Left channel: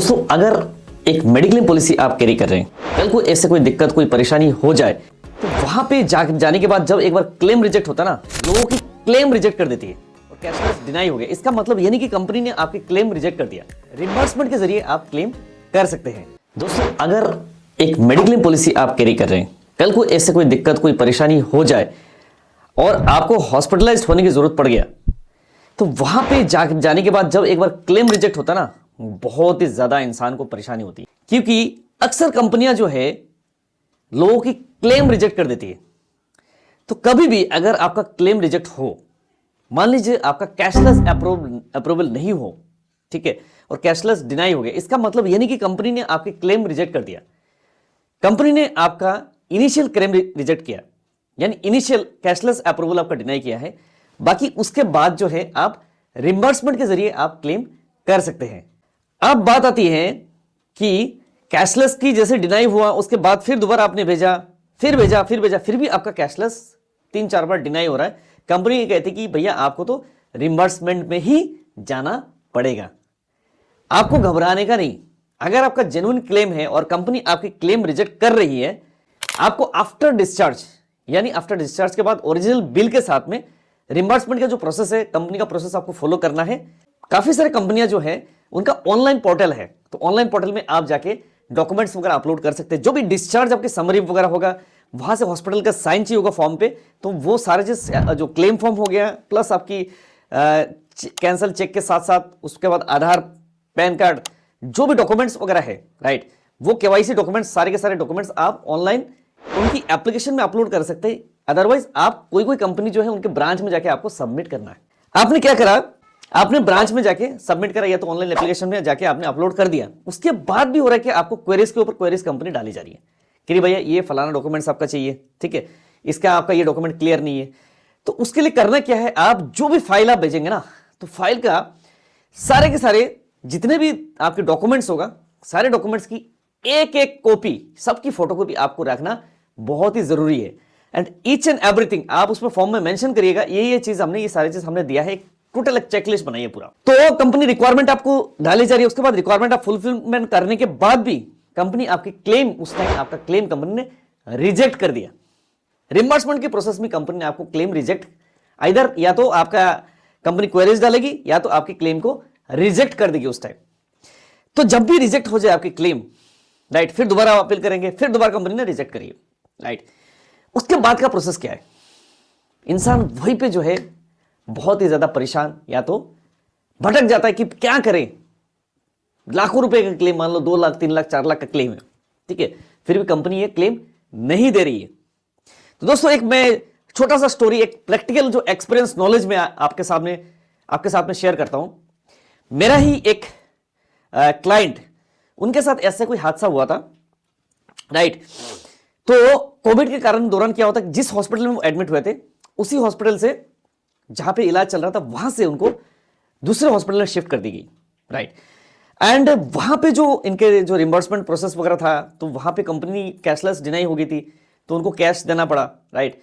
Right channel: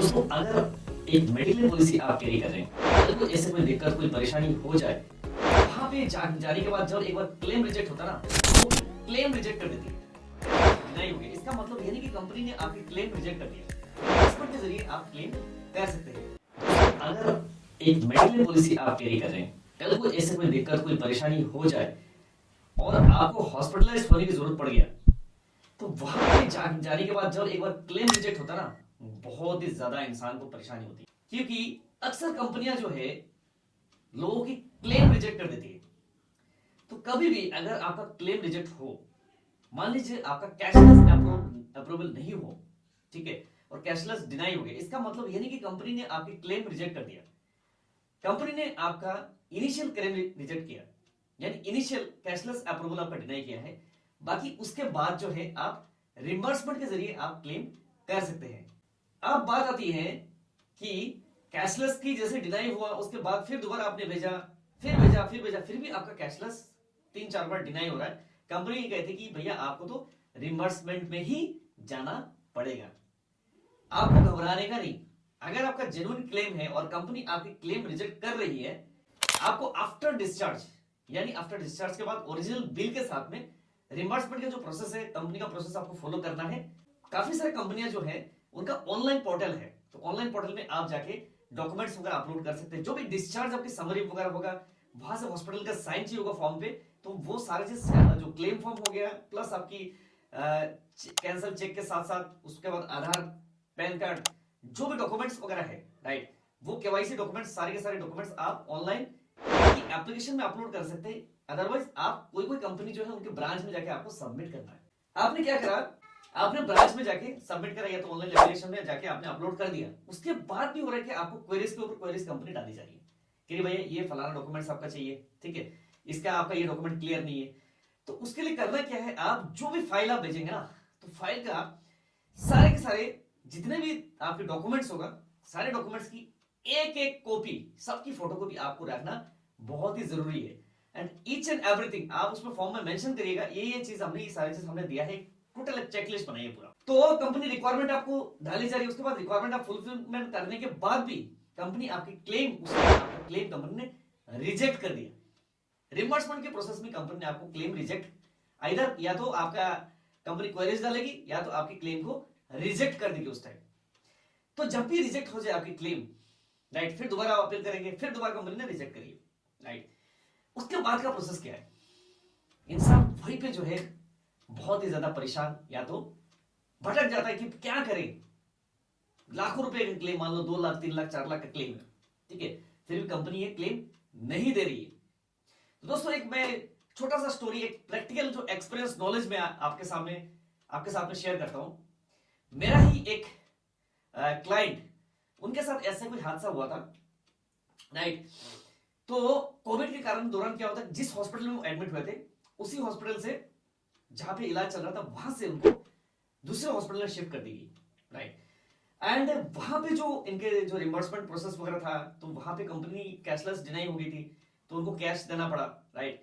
दोस्तों, अगर एक मेडिक्लेम पॉलिसी आप कैरी कर रहे हैं, कल को ऐसे कोई दिक्कत कोई परेशानी हो जाए तो वहां पे जाने के बाद जब एक बार क्लेम रिजेक्ट होता ना, लोगों की क्लेम रिजेक्ट कर देती है और कैशलेस डिनाई हो गया। इसका मतलब ये नहीं कि कंपनी ने आपकी क्लेम रिजेक्ट कर दिया, रिइंबर्समेंट के जरिए आप क्लेम कर सकते हैं। दोस्तों, अगर एक मेडिक्लेम पॉलिसी आप कैरी कर रहे हैं, कल को ऐसे कोई दिक्कत कोई परेशानी हो जाए और आपको हॉस्पिटलाइज्ड होने की जरूरत पड़ गया, तो वहां पे जाने के बाद जब एक बार क्लेम रिजेक्ट होता ना, बहुत ही ज्यादा इंसान को परेशानी होती है, क्योंकि अक्सर कंपनियां जो है लोगों की क्लेम रिजेक्ट कर देती है। तो कभी भी अगर आपका क्लेम रिजेक्ट हो, मान लीजिए आपका कैशलेस अप्रूवल नहीं हो, ठीक है, और कैशलेस डिनाई हो गया, इसका मतलब यह नहीं कि कंपनी ने आपकी क्लेम रिजेक्ट कर दिया। कंपनी ने आपका इनिशियल क्लेम रिजेक्ट किया, यानी इनिशियल कैशलेस अप्रूवल आपका डिनाई किया है, बाकी उसके बाद जो है आप रिइंबर्समेंट के जरिए आप क्लेम कर सकते हैं। अब बात आती है कि कैशलेस की जैसे डिनाई हुआ, उसके बाद फिर दोबारा आपने भेजा, फिर भी आपका कैशलेस 3-4 बार डिनाई हो रहा है। कंपनी ये कहती कि भैया आपको तो रिइंबर्समेंट में ही जाना पड़ेगा, आपको घबराने का नहीं। अगर आपका जेन्युइन क्लेम है और कंपनी आपकी क्लेम रिजेक्ट कर रही है, आपको आफ्टर डिस्चार्ज, यानी आफ्टर डिस्चार्ज के बाद ओरिजिनल बिल के साथ में रिइंबर्समेंट का जो प्रोसेस है, कंपनी का प्रोसेस आपको फॉलो करना है। काफी सारी कंपनियां जो है उनका ऑनलाइन पोर्टल है, तो ऑनलाइन पोर्टल में आप जाके डॉक्यूमेंट्स वगैरह अपलोड कर सकते हैं। जो भी डिस्चार्ज आपके समरी वगैरह होगा, वहां से हॉस्पिटल का साइन चाहिए होगा फॉर्म पे, तो वो सारे जो क्लेम फॉर्म हो गया, प्लस आपकी कैंसल चेक के साथ साथ उसके बाद आधार, पैन कार्ड, जो भी डॉक्यूमेंट्स वगैरह है, राइट, वो केवाईसी डॉक्यूमेंट्स, सारे के सारे डॉक्यूमेंट्स आप ऑनलाइन उनकी एप्लीकेशन में अपलोड कर सकते हैं। अदरवाइज आप कोई कंपनी जो है उनके ब्रांच में जाके आपको सबमिट करना है। आपने क्या करा, आपने ब्रांच में जाके सबमिट करा, या तो ऑनलाइन एप्लीकेशन में जाके आपने अपलोड कर दिया। उसके बाद भी हो रहा है कि आपको क्वेरीज के ऊपर क्वेरीज कंपनी डाली जा रही है कि भैया ये फलाना डॉक्यूमेंट्स आपका चाहिए, ठीक है, इसका आपका ये डॉक्यूमेंट क्लियर नहीं है। तो उसके लिए करना क्या है, आप जो भी फाइल आप भेजेंगे ना, तो फाइल का सारे के सारे जितने भी आपके डॉक्यूमेंट्स होगा, सारे डॉक्यूमेंट्स की एक एक कॉपी, सबकी फोटोकॉपी आपको रखना बहुत ही जरूरी है। एंड ईच एंड एवरीथिंग आप उसमें फॉर्म में मेंशन करिएगा, ये चीज हमने, ये सारी चीज हमने दिया है, टोटल एक चेकलिस्ट बनाइए पूरा। तो कंपनी रिक्वायरमेंट आपको डाली जा रही है, उसके बाद रिक्वायरमेंट आप फुलफिलमेंट करने के बाद भी कंपनी आपकी क्लेम, उसका आपका क्लेम कंपनी ने रिजेक्ट कर दिया। रिइंबर्समेंट के प्रोसेस में कंपनी ने आपको क्लेम रिजेक्ट, आइदर या तो आपका कंपनी क्वेरीज डालेगी या तो आपकी क्लेम को रिजेक्ट कर देगी उस टाइम। तो जब भी रिजेक्ट हो जाए आपकी क्लेम, राइट, फिर दोबारा अपील करेंगे, फिर दोबारा कंपनी ने रिजेक्ट करिए, राइट। उसके बाद का प्रोसेस क्या है, इंसान वहीं पे जो है बहुत ही ज्यादा परेशान या तो भटक जाता है कि क्या करें। लाखों रुपए का क्लेम, मान लो 2 लाख 3 लाख 4 लाख का क्लेम है, ठीक है, फिर भी कंपनी ये क्लेम नहीं दे रही है। तो दोस्तों, एक मैं छोटा सा स्टोरी, एक प्रैक्टिकल जो एक्सपीरियंस नॉलेज में आपके साथ में शेयर करता हूं। मेरा ही एक क्लाइंट, उनके साथ ऐसा कोई हादसा हुआ था, राइट। तो कोविड के कारण दौरान क्या होता है, जिस हॉस्पिटल में वो एडमिट हुए थे, उसी हॉस्पिटल से जहां पे इलाज चल रहा था, वहां से उनको दूसरे हॉस्पिटल में शिफ्ट कर दी गई, राइट। एंड वहां पे जो इनके जो रिइंबर्समेंट प्रोसेस वगैरह था, तो वहां पे कंपनी कैशलेस डिनाई हो गई थी, तो उनको कैश देना पड़ा, राइट।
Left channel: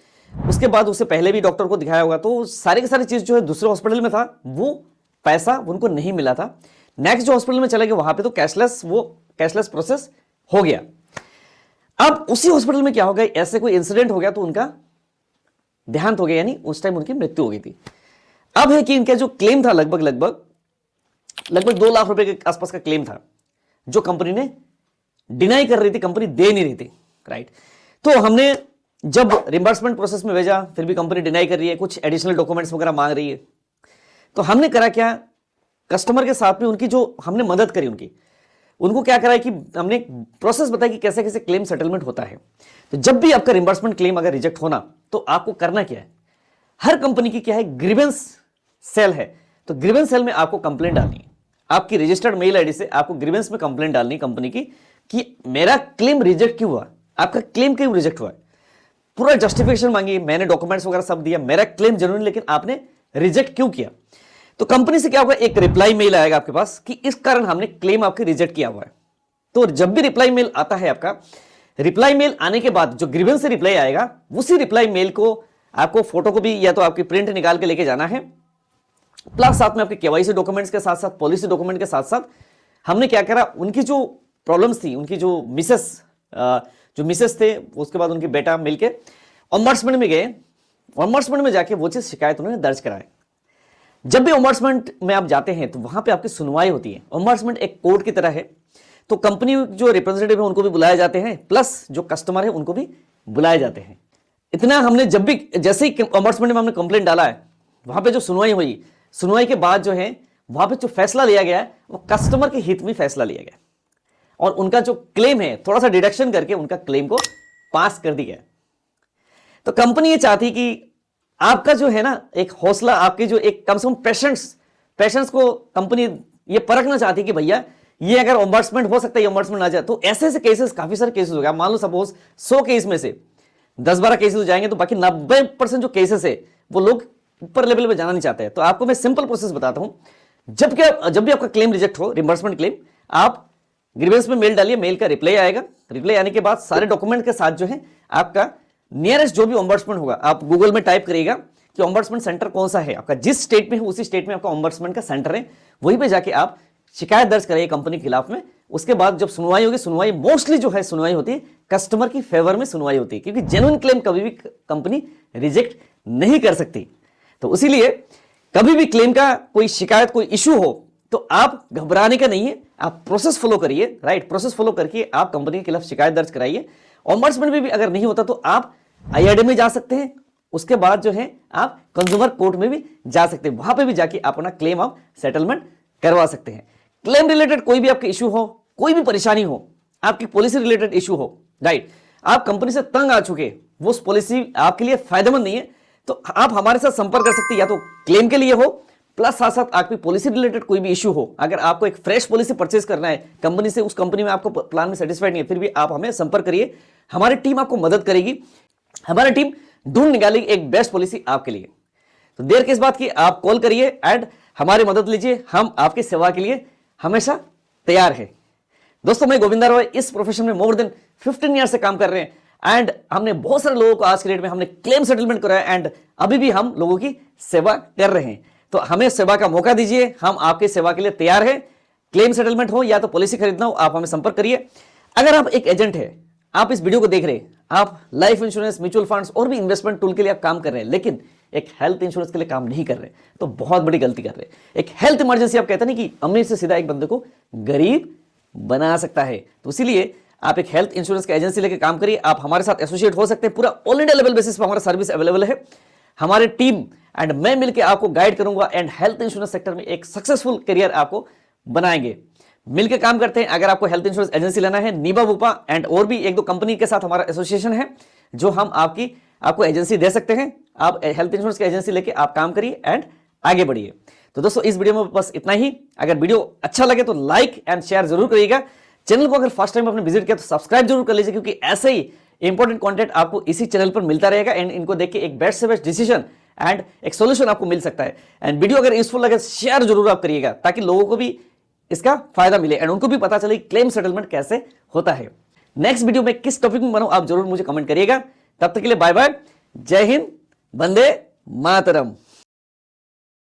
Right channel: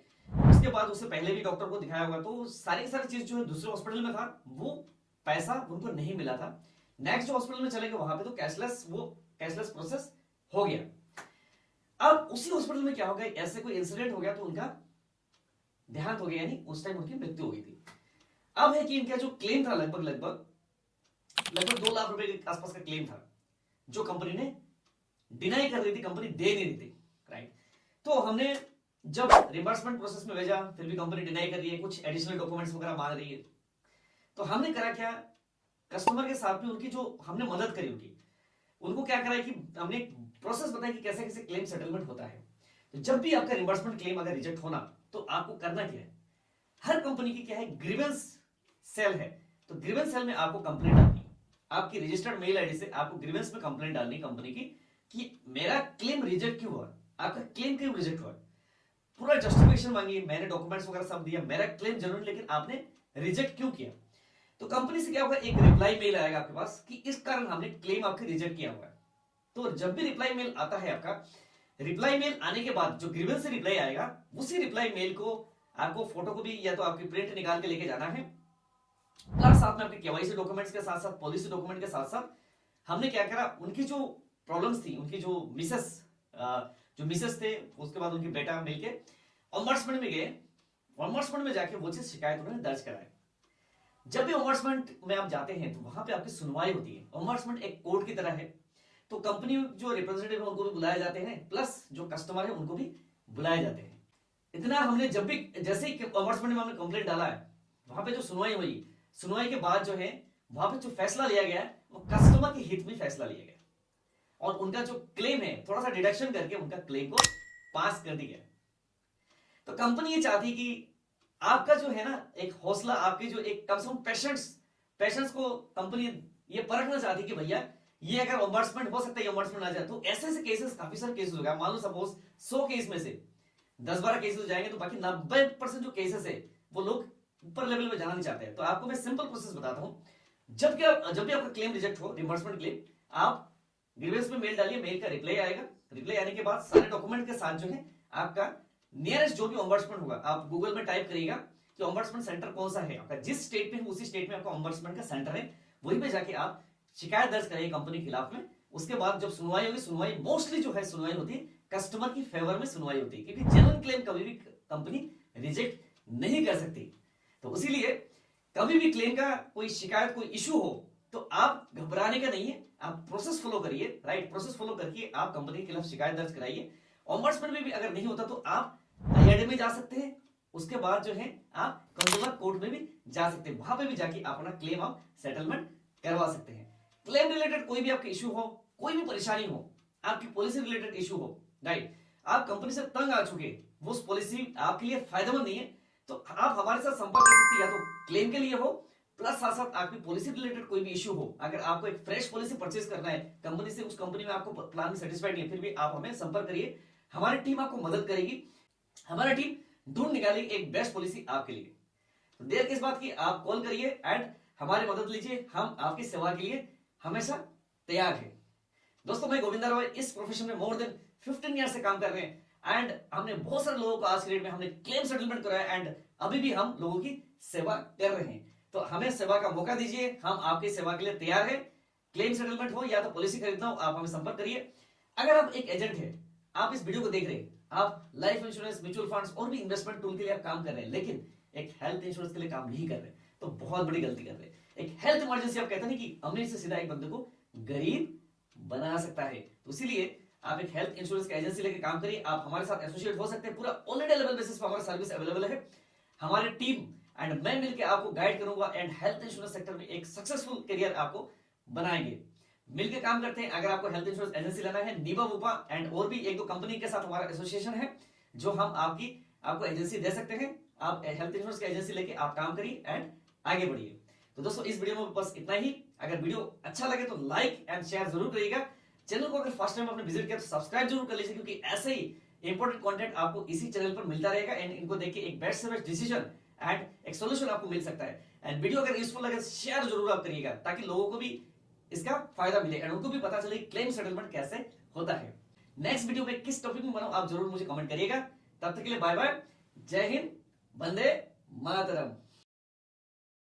उसके बाद उससे पहले भी डॉक्टर को दिखाया होगा, तो सारी की सारी चीज जो है दूसरे हॉस्पिटल में था, वो पैसा उनको नहीं मिला था। नेक्स्ट जो हॉस्पिटल में चले गए, वहां पे तो कैशलेस प्रोसेस हो गया। अब उसी हॉस्पिटल में क्या हो गया, ऐसे कोई इंसिडेंट हो गया, तो उनका देहांत हो गया, यानी उस टाइम उनकी मृत्यु हो गई थी। अब है कि इनका जो क्लेम था, लगभग 2 लाख रुपए के आसपास का क्लेम था, जो कंपनी ने डिनाई कर रही थी, कंपनी दे नहीं रही थी, राइट। तो हमने जब रिइंबर्समेंट प्रोसेस में भेजा, फिर भी कंपनी डिनाई कर रही है, कुछ एडिशनल डॉक्यूमेंट्स वगैरह मांग रही है। तो हमने करा क्या, कस्टमर के साथ में उनकी जो हमने मदद करी, उनको क्या करा कि हमने प्रोसेस बताया कि कैसे कैसे क्लेम सेटलमेंट होता है। तो जब भी आपका रिइंबर्समेंट क्लेम अगर रिजेक्ट होना, तो आपको करना क्या है, हर कंपनी की क्या है, ग्रीवेंस सेल है, तो ग्रीवेंस सेल में आपको कंप्लेंट डालनी है। आपकी रजिस्टर्ड मेल आईडी से आपको ग्रीवेंस में कंप्लेंट डालनी है कंपनी की, कि मेरा क्लेम रिजेक्ट क्यों हुआ, आपका क्लेम क्यों रिजेक्ट हुआ, पूरा जस्टिफिकेशन मांगिए, मैंने डॉक्यूमेंट्स वगैरह सब दिया, मेरा क्लेम जेन्युइन, लेकिन आपने रिजेक्ट क्यों किया। तो कंपनी से क्या होगा, एक रिप्लाई मेल आएगा आपके पास कि इस कारण हमने क्लेम आपके रिजेक्ट किया हुआ है। तो जब भी रिप्लाई मेल आता है आपका, रिप्लाई मेल आने के बाद जो ग्रीवेंस से रिप्लाई आएगा, उसी रिप्लाई मेल को आपको फोटोकॉपी या तो आपकी प्रिंट निकाल के लेके जाना है, प्लस साथ में आपके केवाईसी डॉक्यूमेंट्स के साथ साथ, पॉलिसी डॉक्यूमेंट के साथ साथ हमने क्या करा, उनकी जो प्रॉब्लम्स थी, उनकी जो मिसेस थे, उसके बाद उनके बेटा मिलके ओम्बड्समैन में गए। ओम्बड्समैन में जाके वो चीज शिकायत उन्होंने दर्ज कराए। जब भी ओम्बड्समैन में आप जाते हैं तो वहां पे आपकी सुनवाई होती है। ओम्बड्समैन एक कोर्ट की तरह है, तो कंपनी जो रिप्रेजेंटेटिव है उनको भी बुलाए जाते हैं, प्लस जो कस्टमर है उनको भी बुलाए जाते हैं। इतना हमने जब भी, जैसे ही ओम्बड्समैन में हमने कंप्लेंट डाला है, वहां पे जो सुनवाई हुई, सुनवाई के बाद जो है वहां पे जो फैसला लिया गया है वो कस्टमर के हित में फैसला लिया गया और उनका जो क्लेम है थोड़ा सा डिडक्शन करके उनका क्लेम को पास कर दिया। तो कंपनी ये चाहती कि आपका जो है ना एक हौसला, आपके जो एक कम से कम पेशेंस को कंपनी ये परखना चाहती कि भैया ये अगर ओम्बड्समैन हो सकता है, ओम्बड्समैन ना जाए तो ऐसे केसेस, काफी सारे केसेस हो गए। मान लो सपोज 100 केस में से 10-12 केसेस हो जाएंगे, तो बाकी 90% जो केसेस है वो लोग ऊपर लेवल पे जाना नहीं चाहते हैं। तो आपको मैं सिंपल प्रोसेस बताता हूं। जब भी आपका क्लेम रिजेक्ट हो, रिम्बर्समेंट क्लेम, आप ग्रीवेंस में मेल डालिए, मेल का रिप्लाई आएगा। रिप्लाई आने के बाद सारे डॉक्यूमेंट के साथ जो है आपका नियरेस्ट जो भी ओम्बड्समैन होगा, आप गूगल में टाइप करिएगा कि ओम्बड्समैन सेंटर कौन सा है आपका, जिस स्टेट में है उसी स्टेट में आपका ओम्बड्समैन का सेंटर है, वहीं पे जाके आप शिकायत दर्ज करिए कंपनी के खिलाफ में। उसके बाद जब सुनवाई होगी, सुनवाई मोस्टली जो है सुनवाई होती है कस्टमर की फेवर में सुनवाई होती है, क्योंकि जेन्युइन क्लेम कभी भी कंपनी रिजेक्ट नहीं कर सकती। तो इसीलिए कभी भी क्लेम का कोई शिकायत, कोई इशू हो तो आप घबराने का नहीं है, आप प्रोसेस फॉलो करिए, राइट। प्रोसेस फॉलो करके आप कंपनी के खिलाफ शिकायत दर्ज कराइए। ओम्बड्समैन में भी अगर नहीं होता तो आप IRDAI में जा सकते हैं, उसके बाद जो है आप कंज्यूमर कोर्ट में भी जा सकते हैं, वहां पे भी जाके अपना क्लेम आप सेटलमेंट करवा सकते हैं। क्लेम रिलेटेड कोई भी आपके इशू हो, कोई भी परेशानी हो, आपकी पॉलिसी रिलेटेड इशू हो, राइट, आप कंपनी से तंग आ चुके, वो पॉलिसी आपके लिए फायदेमंद नहीं है, तो आप हमारे साथ संपर्क कर सकते हैं, या तो क्लेम के लिए हो, प्लस साथ साथ आपकी पॉलिसी रिलेटेड कोई भी इशू हो। अगर आपको एक फ्रेश पॉलिसी परचेज करना है कंपनी से, उस कंपनी में आपको प्लान में सेटिस्फाइड नहीं है, फिर भी आप हमें संपर्क करिए, हमारी टीम आपको मदद करेगी। हमारी टीम ढूंढ निकालेगी एक बेस्ट पॉलिसी आपके लिए। तो देर किस बात की, आप कॉल करिए एंड हमारी मदद लीजिए, हम आपकी सेवा के लिए हमेशा तैयार है। दोस्तों, मैं गोविंदा रॉय इस प्रोफेशन में मोर देन 15 ईयर से काम कर रहे हैं एंड हमने बहुत सारे लोगों को आज के डेट में हमने क्लेम सेटलमेंट कराया एंड अभी भी हम लोगों की सेवा कर रहे हैं। तो हमें सेवा का मौका दीजिए, हम आपकी सेवा के लिए तैयार हैं। क्लेम सेटलमेंट हो या तो पॉलिसी खरीदना हो, आप हमें संपर्क करिए। अगर आप एक एजेंट है, आप इस वीडियो को देख रहे हैं, आप लाइफ इंश्योरेंस, म्यूचुअल फंड्स और भी इन्वेस्टमेंट टूल के लिए आप काम कर रहे हैं, लेकिन एक हेल्थ इंश्योरेंस के लिए काम नहीं कर रहे, तो बहुत बड़ी गलती कर रहे हैं। एक हेल्थ इमरजेंसी, आप कहते नहीं कि अमीर से सीधा एक बंदे को गरीब बना सकता है, तो इसीलिए आप एक हेल्थ इंश्योरेंस की एजेंसी लेकर काम करिए। आप हमारे साथ एसोसिएट हो सकते हैं, पूरा ऑल इंडिया लेवल बेसिस पर हमारा सर्विस अवेलेबल है। हमारी टीम एंड मैं मिलकर आपको गाइड करूंगा एंड हेल्थ इंश्योरेंस सेक्टर में एक सक्सेसफुल करियर आपको बनाएंगे। मिलकर काम करते हैं। अगर आपको हेल्थ इंश्योरेंस एजेंसी लेना है, नीबा बुपा एंड और भी 1-2 कंपनी के साथ हमारा एसोसिएशन है, जो हम आपको एजेंसी दे सकते हैं। आप हेल्थ इंश्योरेंस की एजेंसी लेके आप काम करिए एंड आगे बढ़िए। तो दोस्तों, इस वीडियो में बस इतना ही। अगर वीडियो अच्छा लगे तो लाइक एंड शेयर जरूर करिएगा। चैनल को अगर फर्स्ट टाइम आपने विजिट किया तो सब्सक्राइब जरूर कर लीजिए, क्योंकि ऐसे ही इंपॉर्टेंट कंटेंट आपको इसी चैनल पर मिलता रहेगा एंड इनको देख के एक बेस्ट से बेस्ट डिसीजन एंड एक सॉल्यूशन आपको मिल सकता है। एंड वीडियो अगर यूजफुल लगे शेयर जरूर आप करिएगा, ताकि लोगों को भी इसका फायदा मिले एंड उनको भी पता चले क्लेम सेटलमेंट कैसे होता है। नेक्स्ट वीडियो में किस टॉपिक में बनाऊं, आप जरूर मुझे कमेंट करिएगा। तब तक के लिए बाय बाय, जय हिंद, वंदे मातरम।